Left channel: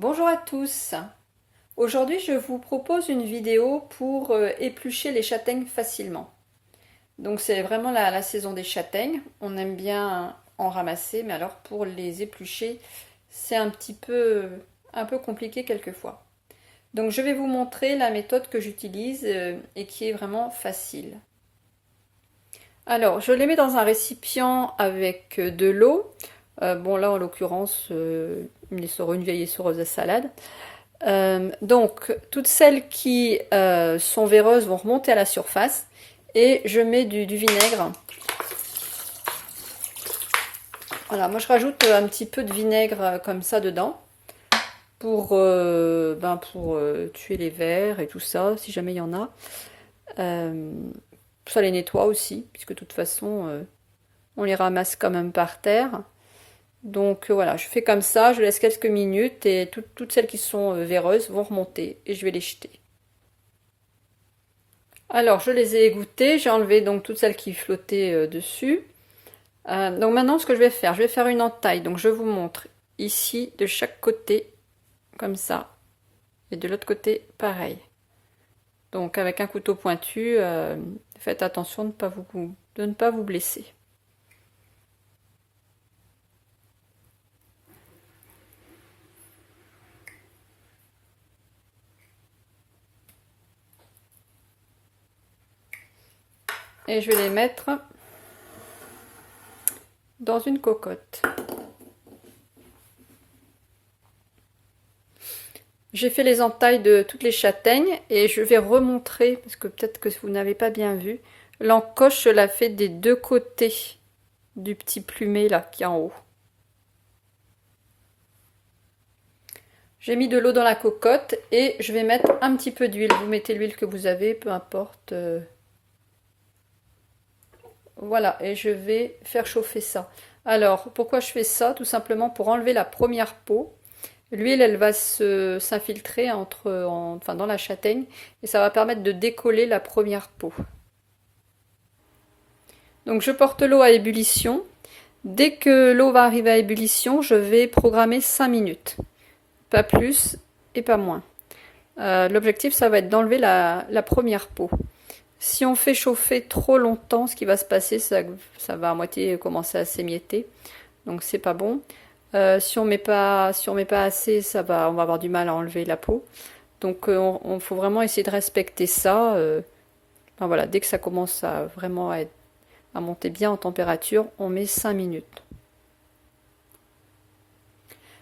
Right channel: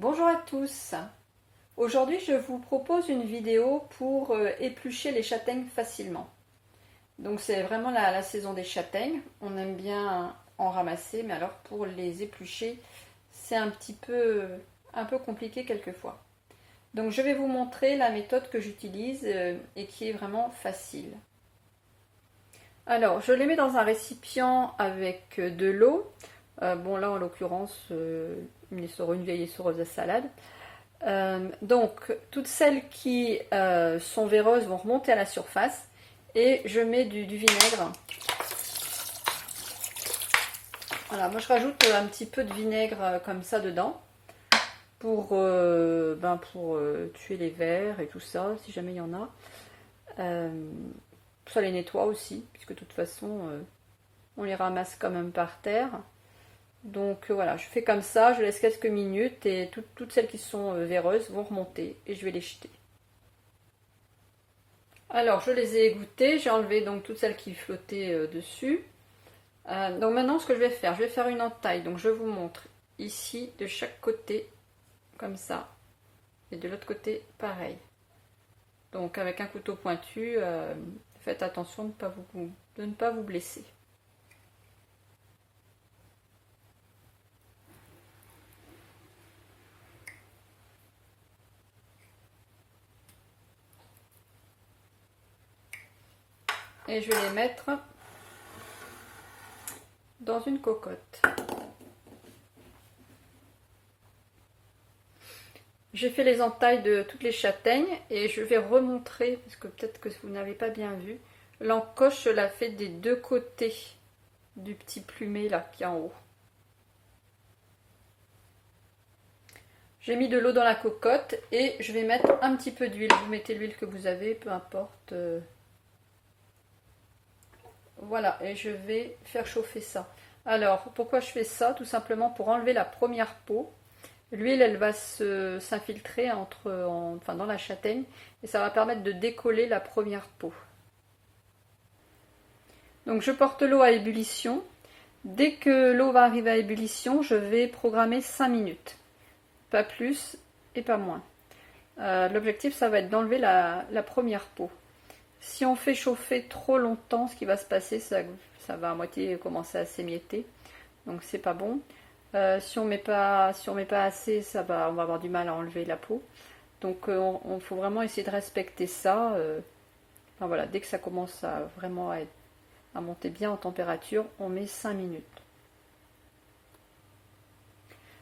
Bonjour à tous. Aujourd'hui, je vous propose une vidéo pour éplucher les châtaignes facilement. Donc c'est vraiment la saison des châtaignes. On aime bien en ramasser, mais alors pour les éplucher, c'est un peu compliqué quelquefois. Donc je vais vous montrer la méthode que j'utilise et qui est vraiment facile. Alors, je les mets dans un récipient avec de l'eau. Bon là, en l'occurresse, une vieille essoreuse à salade. Donc, toutes celles qui sont véreuses vont remonter à la surface. Et je mets du vinaigre. Voilà, moi je rajoute un petit peu de vinaigre comme ça dedans. Pour tuer les vers et tout ça, si jamais il y en a. Ça les nettoie aussi, puisque de toute façon, on les ramasse quand même par terre. Donc voilà, je fais comme ça, je laisse quelques minutes et toutes celles qui sont véreuses vont remonter et je vais les jeter. Alors je les ai égouttées, j'ai enlevé donc toutes celles qui flottaient dessus. Donc maintenant ce que je vais faire une entaille. Donc je vous montre ici de chaque côté, comme ça. Et de l'autre côté, pareil. Donc avec un couteau pointu, faites attention de ne pas vous blesser. Et je vais les mettre dans une cocotte. J'ai fait les entailles de toutes les châtaignes et je vais remontrer, parce que peut-être que vous n'avez pas bien vu, l'encoche je la fais des deux côtés du petit plumet là qui est en haut. J'ai mis de l'eau dans la cocotte et je vais mettre un petit peu d'huile. Vous mettez l'huile que vous avez, peu importe. Voilà, et je vais faire chauffer ça. Alors, pourquoi je fais ça? Tout simplement pour enlever la première peau. L'huile, elle va s'infiltrer dans la châtaigne et ça va permettre de décoller la première peau. Donc je porte l'eau à ébullition. Dès que l'eau va arriver à ébullition, je vais programmer 5 minutes. Pas plus et pas moins. L'objectif, ça va être d'enlever la première peau. Si on fait chauffer trop longtemps, ce qui va se passer, ça va à moitié commencer à s'émietter. Donc c'est pas bon. Si on met pas assez, on va avoir du mal à enlever la peau. Donc on faut vraiment essayer de respecter ça. Voilà, dès que ça commence à vraiment à monter bien en température, on met 5 minutes.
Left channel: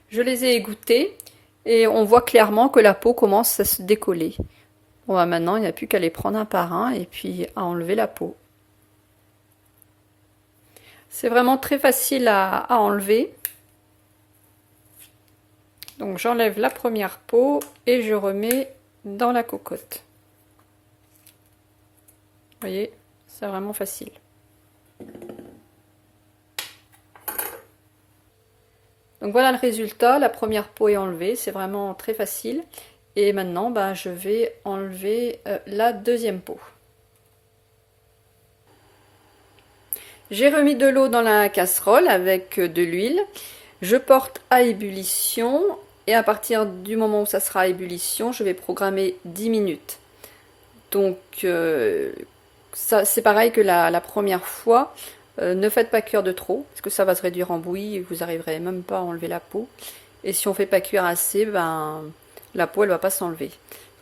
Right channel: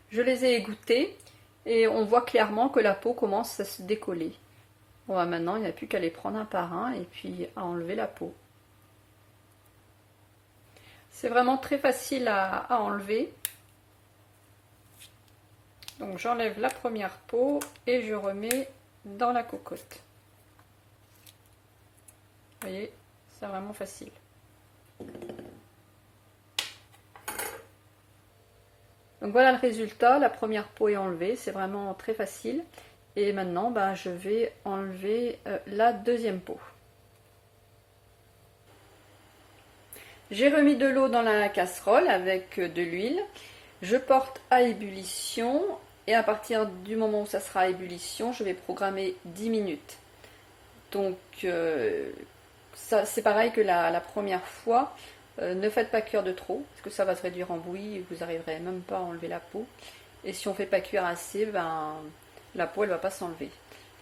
Je les ai égouttées et on voit clairement que la peau commence à se décoller. Bon, maintenant, il n'y a plus qu'à les prendre un par un et puis à enlever la peau. C'est vraiment très facile à enlever. Donc j'enlève la première peau et je remets dans la cocotte. Vous voyez, c'est vraiment facile. Donc voilà le résultat, la première peau est enlevée, c'est vraiment très facile. Et maintenant, je vais enlever la deuxième peau. J'ai remis de l'eau dans la casserole avec de l'huile. Je porte à ébullition et à partir du moment où ça sera à ébullition, je vais programmer 10 minutes. Donc ça c'est pareil que la première fois. Ne faites pas cuire de trop, parce que ça va se réduire en bouillie et vous n'arriverez même pas à enlever la peau. Et si on ne fait pas cuire assez, la peau elle va pas s'enlever.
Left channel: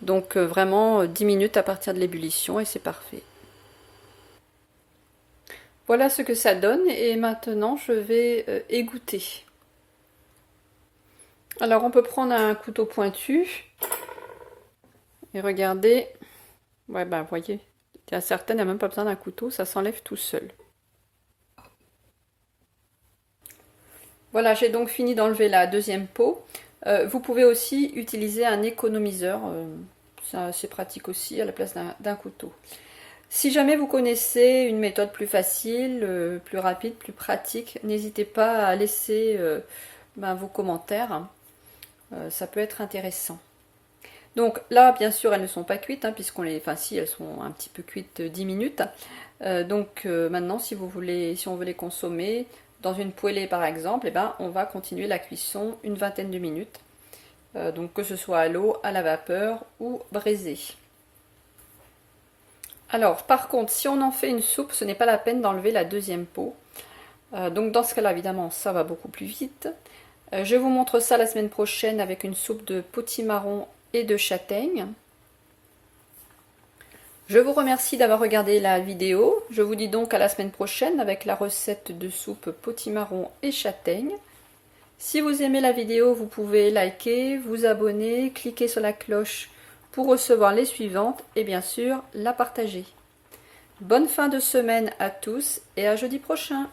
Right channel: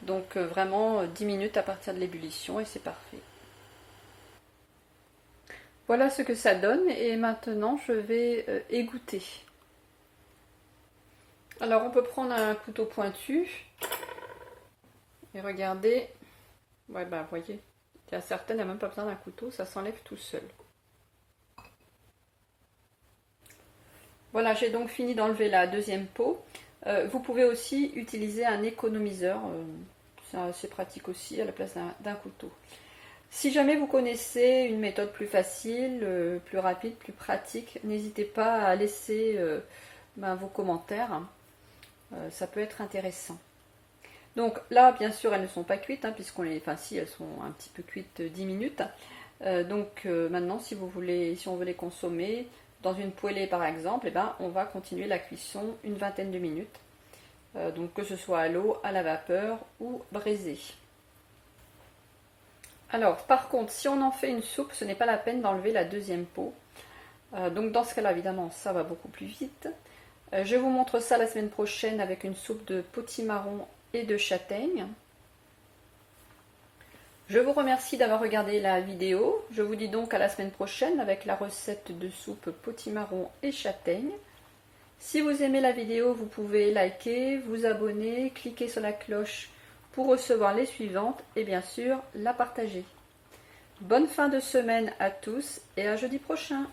Donc vraiment 10 minutes à partir de l'ébullition et c'est parfait. Voilà ce que ça donne et maintenant je vais égoutter. Alors on peut prendre un couteau pointu et regardez. Ouais vous voyez, il y a certaines, il n'y a même pas besoin d'un couteau, ça s'enlève tout seul. Voilà, j'ai donc fini d'enlever la deuxième peau. Vous pouvez aussi utiliser un économiseur, c'est pratique aussi à la place d'un couteau. Si jamais vous connaissez une méthode plus facile, plus rapide, plus pratique, n'hésitez pas à laisser vos commentaires, ça peut être intéressant. Donc là, bien sûr, elles ne sont pas cuites, si elles sont un petit peu cuites 10 minutes. Maintenant, si on veut les consommer, dans une poêlée par exemple, on va continuer la cuisson une vingtaine de minutes. donc que ce soit à l'eau, à la vapeur ou braisé. Alors par contre, si on en fait une soupe, ce n'est pas la peine d'enlever la deuxième peau. Donc dans ce cas-là, évidemment, ça va beaucoup plus vite. Je vous montre ça la semaine prochaine avec une soupe de potimarron et de châtaigne. Je vous remercie d'avoir regardé la vidéo. Je vous dis donc à la semaine prochaine avec la recette de soupe potimarron et châtaigne. Si vous aimez la vidéo, vous pouvez liker, vous abonner, cliquer sur la cloche pour recevoir les suivantes et bien sûr la partager. Bonne fin de semaine à tous et à jeudi prochain.